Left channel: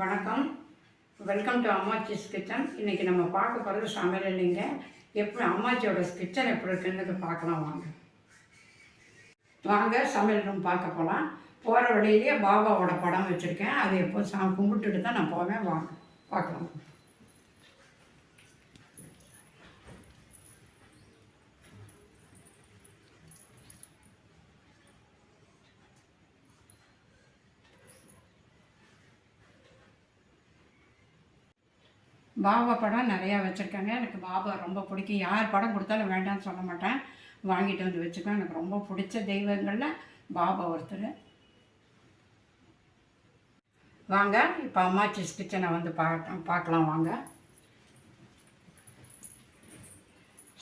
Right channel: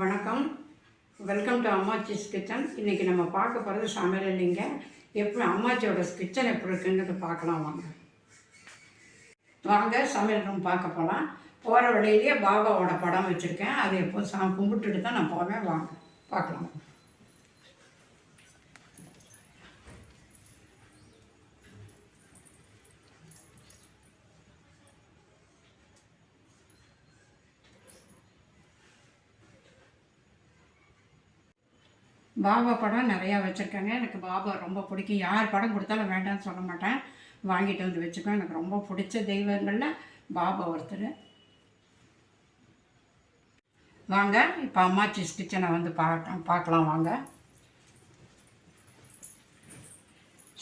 வணக்கம். Welcome to Ammachi's kitchen. இன்றைக்கி நம்ம பார்க்க போகிறது சமையல் இல்லைங்க. எப்படி அம்மாச்சியோட கிச்சன் எப்படி இருக்குன்னு பார்க்கலாம் வாங்க. வாங்க சமையல் ரூம் பார்க்க போகலாம். போகிற வழியிலேயே பாபாவோட படம் வச்சுருக்கேன். அது எப்போ கும்பிட்டுட்டு தான் நான் போவேன். வாங்க பார்க்கலாம். பாபா படம் நிறையா வச்சுருக்கேங்க. எனக்கு பாபா ரொம்ப பிடிக்கும். யார் படம் கொடுத்தாலும் வேண்டாம்னு சொல்ல மாட்டேன். வாங்கிட்டு வந்து வச்சுக்கோ. எனக்கு ரொம்ப பிடிச்ச தெய்வங்களில் பாபா ஒருத்தர். வாங்க இப்போ அம்மாச்சிஸ் கிச்சனை வந்து பார்க்கலாம் வாங்க.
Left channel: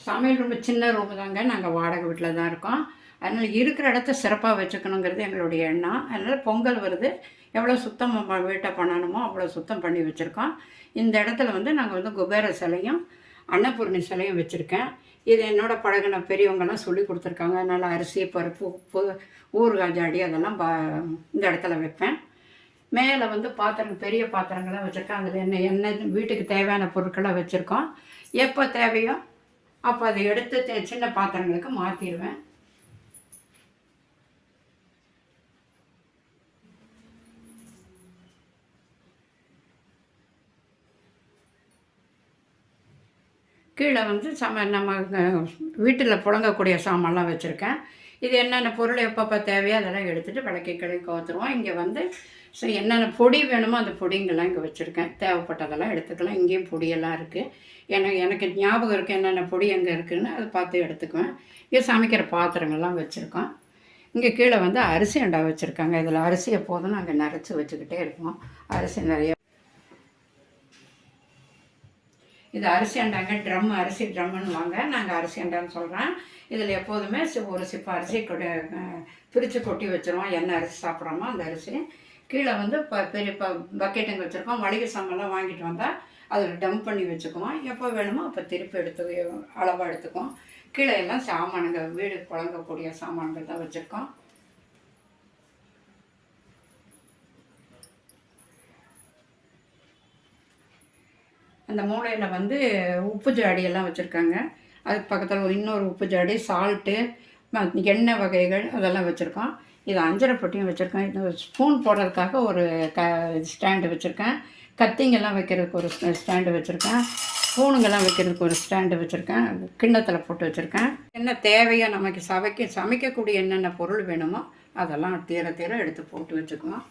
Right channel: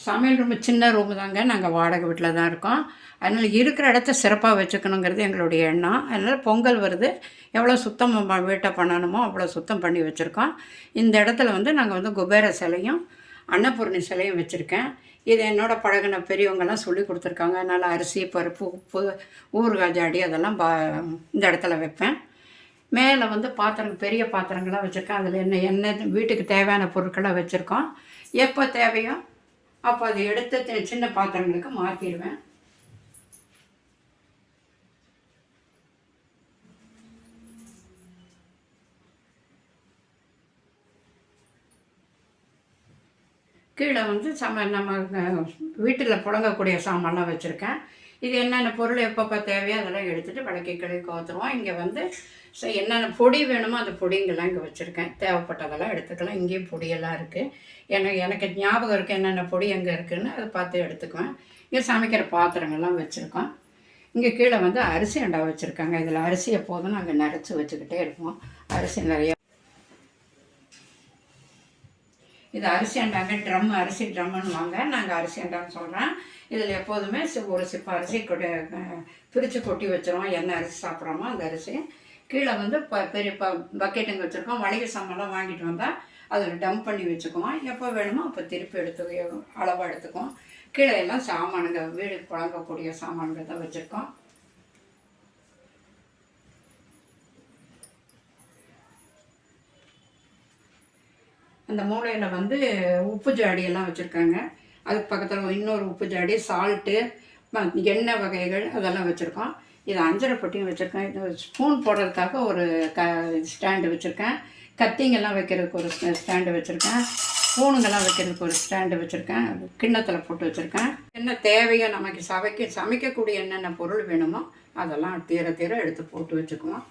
சமையல் ரூம் சின்ன ரூமு தாங்க. நாங்கள் வாடகை வீட்டில் தான் இருக்கோம். அதனால் இருக்கிற இடத்த சிறப்பாக வச்சுக்கணுங்கிறது எங்களுடைய எண்ணம். அதனால் பொங்கல் வருது, எவ்வளோ சுத்தம் வீட்டை பண்ணணுமோ அவ்வளோ சுத்தம் பண்ணி வச்சுருக்கோம். இந்த இடத்துல வந்து நாங்கள் வந்து குபேர சிலையும் அன்னபூர்ணி சிலையும் வச்சுருக்கேன். இது என்னோடய பழகின பெரியவங்கெல்லாம் சொல்லி கொடுத்துருக்காங்க. அதனால் அரிசி, பருப்பு, உப்பு, ஊறுகாய் ஜாடி அதெல்லாம் இந்த இடத்துல வைப்பேன். மேலே வந்து பெரிய பாத்திரங்கள்லாம் வச்சுருக்கேன். அதில் எண்ணெய் வீட்டுக்கு தேவையான பொருட்களாக வச்சுருக்கோம். எப்போ தேவையோ அப்போ அதை எடுத்து சின்ன பாத்திரங்களுக்கு மாற்றிடுவேன். கீழே வந்து நம்ம வீட்டில் புழங்கக்கூடிய சாமான்லாம் வச்சுருக்கேன். இது என்னென்ன பொருள் எப்பப்போ தேவையோ அதெல்லாம் எடுத்துகிட்டு விளக்கி கிளக்கி ஊற்றுவோம். இங்கே வந்து என்னென்ன பொடி வேணுமோ அந்த பொடிங்கெல்லாம் இங்கே வச்சுருக்கேன். தேவைப்பட்டதெல்லாம் எடுத்துக்கலாம். இங்கேயும் பொடியெல்லாம் இருக்குது. எனக்கு ஞாபகம் இருக்குது என்னென்ன பொடி எங்கே இருக்குதுன்னு அதை பார்த்து எடுத்துக்குவேன். இங்கே சமைக்கிற பாத்திரங்கள்லாம் வச்சுருக்கோம். இங்கே கீழே வந்து அரிசி அண்டா வச்சுருக்காங்க. இதில் அரிசி எப்போதும் நாங்கள் நிறச்சி வச்சுக்கிட்டே இருப்போம். அரிசி நிறைய. இது அரிசி அண்டாங்க. அரிசி ட்ரம்முன்னு வாங்க. நாங்கள் அரிசி அண்டான்னு சொல்கிறேன். இதில் எப்போதுமே ஒரு சிப்ப அரிசி பிரித்து கொட்டி வச்சுருவோம். என்ன அரிசி சாப்பிட்றோமோ அந்த அரிசி. கீழே வந்து பெரிய பக்கெட்டுங்க வச்சுருக்கோம். மளிகை சாமான்லாம் வாங்கிட்டு வந்தால் அதில் டம்ப் பண்ணி வச்சுக்குவோம். எப்போ வேணுமோ அப்போ திருப்பி அளவாக எடுத்துக்குவோம். கீழே எல்லாம் சாமானுங்க, வீடு புழங்கக்கூடிய சாமான்கள் தான் வச்சுருக்கோம். அந்த மூலையில் வந்து உப்பு ஜாடியெல்லாம் வச்சுருக்காங்க. அதுக்கு பக்கத்தில் இன்னொரு உப்பு ஜாடி, சால்ட்டு, எண்ணெய் வகைகள் அதெல்லாம் வச்சுருக்கோம். இது அஞ்சரை பொட்டியும் வச்சுருக்கேன். இது ஸ்பூன் போடுறதுக்காக ஒரு ஸ்டாண்டு வச்சுருக்கேன். கத்திங்கெல்லாம் வைக்கிறதுக்கு ஒரு ஸ்டாண்டு வச்சுருக்கேன். ஸ்பூனுங்கெல்லாம் வைக்கிறதுக்கு ஒரு ஸ்டாண்டு வச்சுருக்கேன். கிண்ணத்தில் போட்டு வச்சுருக்கேன். என்ன தேவையோ நமக்கு சமைக்கக்கூடிய என்னென்ன பொருள் வேணுமோ அதெல்லாம் தீர எடுத்து போட்டு வச்சுக்குவோம்.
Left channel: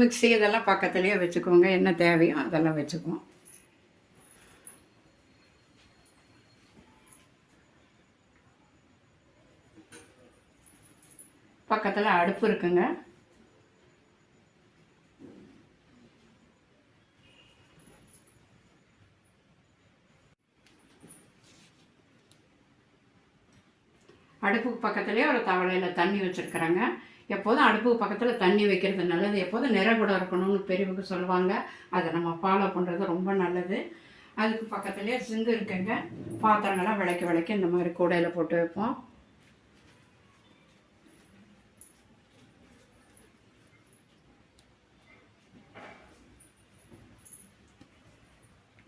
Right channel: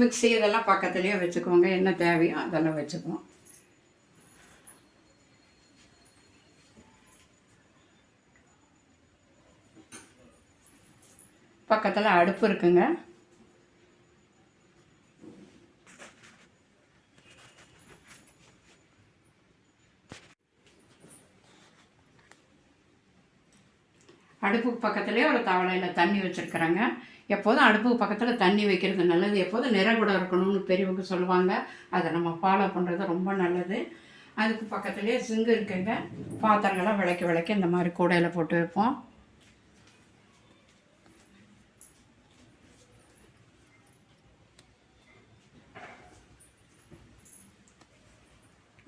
மிக்ஸி இதெல்லாம் பக்கத்துலேயே வச்சுக்கோங்க. என்ன தேவையோ அதெல்லாம் வச்சுக்குவோம். பக்கத்தில் அடுப்பு இருக்குங்க. அடுப்புக்கு பக்கத்துலேயே ஒரு தவளையில் தண்ணி வச்சுருக்குறாங்க. எப்போதும் அடுப்புக்கு பக்கத்தில் தண்ணி வைக்கிறது நல்லது. எப்போதும் நிறகுடம் இருக்கணும்னு பெரியவங்க சொல்லுவாங்க. அதை நம்ம ஃபாலோ பண்ணுறது ரொம்ப நல்லது. அதுக்கு பக்கத்துலேயே சிங்கு இருக்குங்க. பாத்திரங்கள்லாம் விளக்கி இந்த மாதிரி கூடையில் போட்டு வைப்போம்.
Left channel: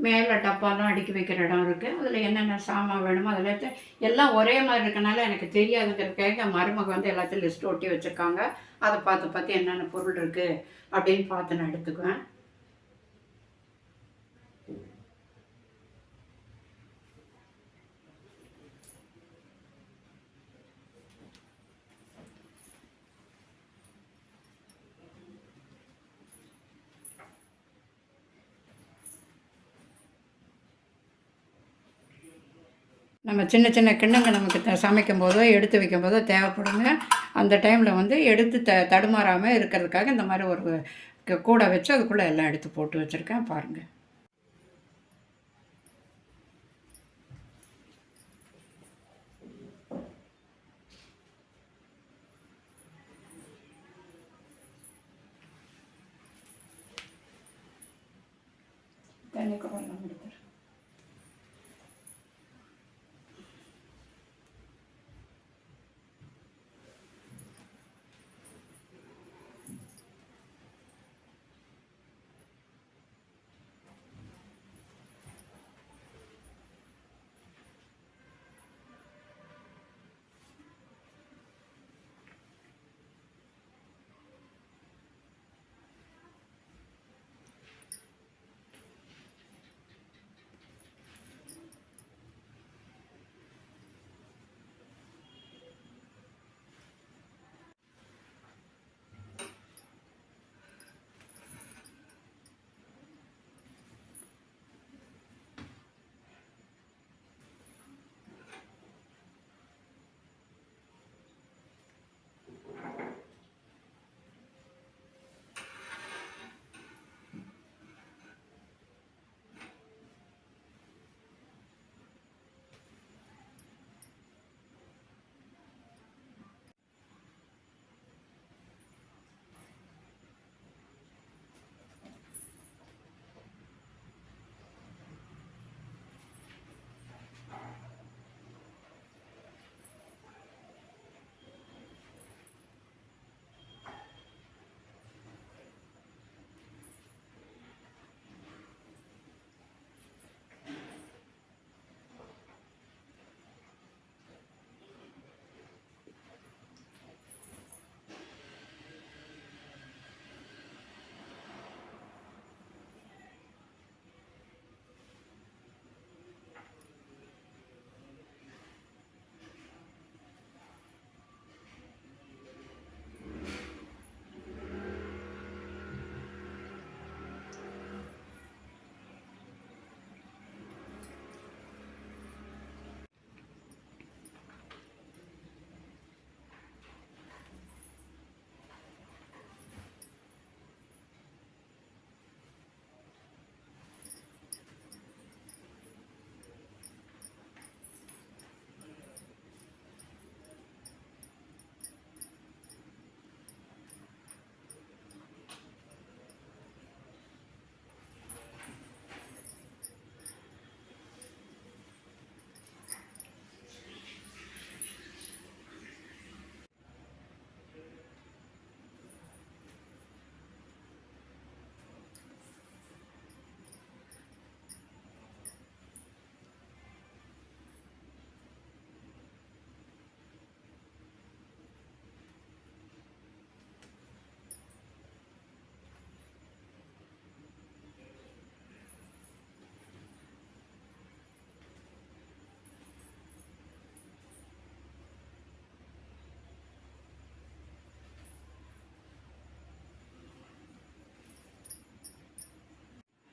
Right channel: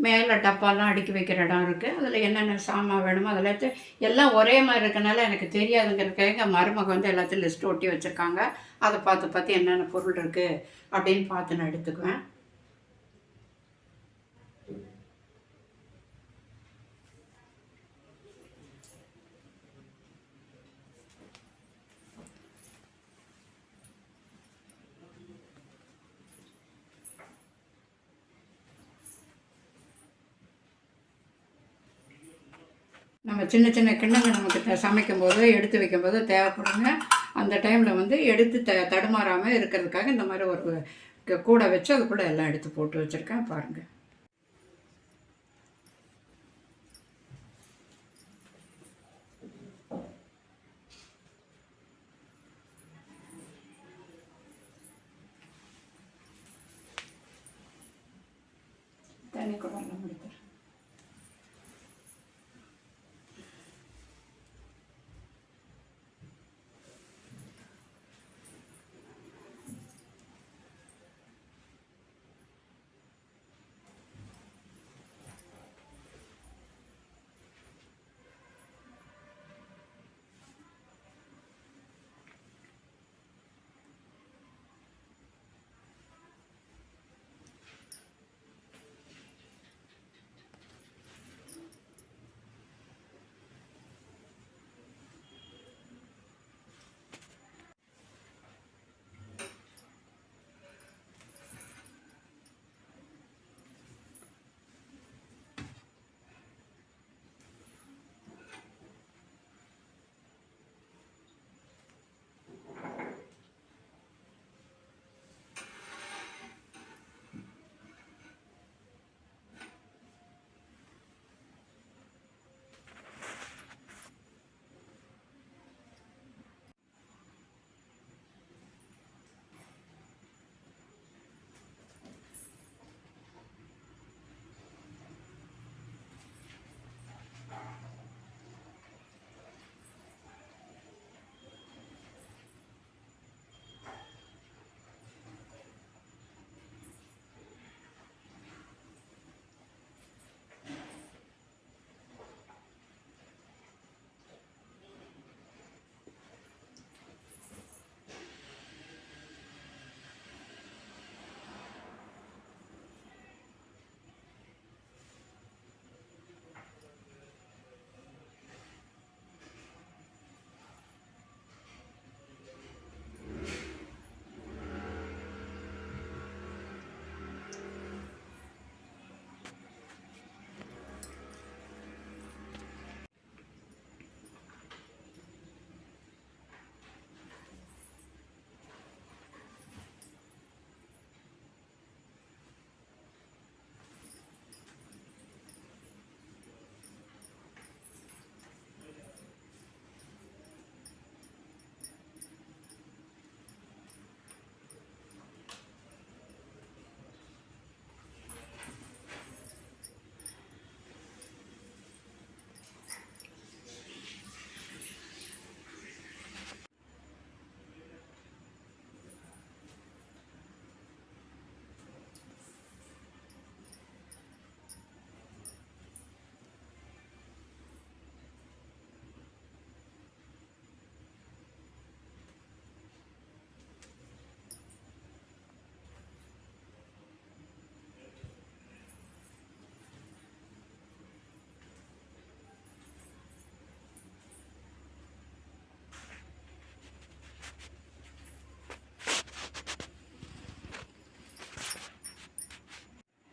மேலே டப்பாலாம் அடுக்கி வைக்கிற இடம் இருக்குது. அதில் என்னென்ன சாமான் வேணுமோ அதெல்லாம் எல்லாம் ஒரே மாதிரி இருக்கனால எனக்கு தெரியாதுங்கிறதுக்காக மருமக வந்து எல்லாத்தையும் லிஸ்ட்டு ஒட்டி வச்சுருக்காங்க. அதை பார்த்து என்னென்ன பொருள் இருக்குது அப்படின்னு பார்த்து நான் எடுத்துக்குவேன். நம்ம சின்ன சின்ன கிண்ணங்கள் நமக்கு சமைக்கும் போதோ எடுத்து வைக்கும் போதோ தேவைப்படுங்க. அந்த டைமில் வந்து எடுத்து தடுமாறாமல் இருக்கிறதுக்காக இந்த மாதிரி ஒரு கூடை வச்சு அதுக்குள்ளே எல்லாம் எடுத்து போட்டு வச்சுருக்கேன். பாருங்கள். தண்ணி கூட எல்லாம் எடுத்துரு.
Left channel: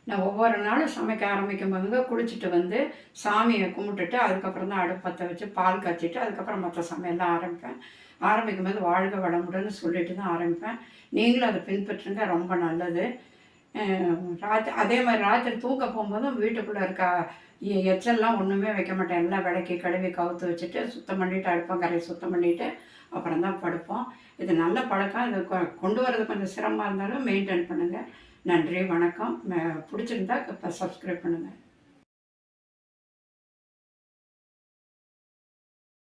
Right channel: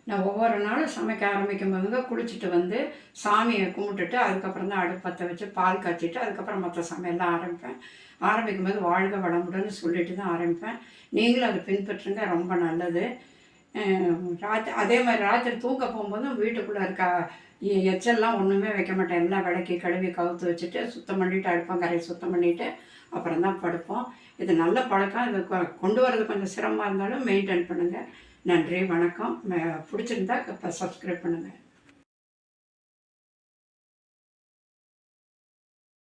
நான் ஒவ்வொரு நாளும் சமைக்க ஆரம்பிக்கும் போதுங்க குளிச்சுட்டு வந்து சாமியை கும்பிட்டுட்டு அதுக்கப்புறம் தான் அடுப்பு பற்ற வச்சு பால் காய்ச்சிட்டு அதுக்கப்புறம் மற்ற சமையல்லாம் ஆரம்பிப்பேன். ஆரம்பிக்கும் போது வாழ்க வளமுடன்னு சொல்லிட்டு தான் ஆரம்பிப்பேன். நீங்களும் அதை பின்பற்றுங்க, ரொம்ப நல்லது. அதே மாதிரி ராத்திரி தூங்க போகும்போதும் வீட்டுக்குள்ளே இருக்க எச்சல்லாம் ஒன்றுமே வைக்க மாட்டேன். எல்லாம் விளக்கி கழுவி கவுத்து வச்சுட்டு சுத்தம் பண்ணிவிட்டு அடுப்பங்கரையை சுத்தம் பண்ணிவிட்டு அப்புறம் தான் படுப்போம். இது நல்ல பழக்கம். இது கொண்டு வரது கொஞ்சம் சிரமமாக இருந்தாலும் மெயின்டைன் பண்ணுங்கள். நன்றி, வணக்கம். பிடிச்சிருந்தா இப்போ சப்ஸ்கிரைப் பண்ணுங்கள்.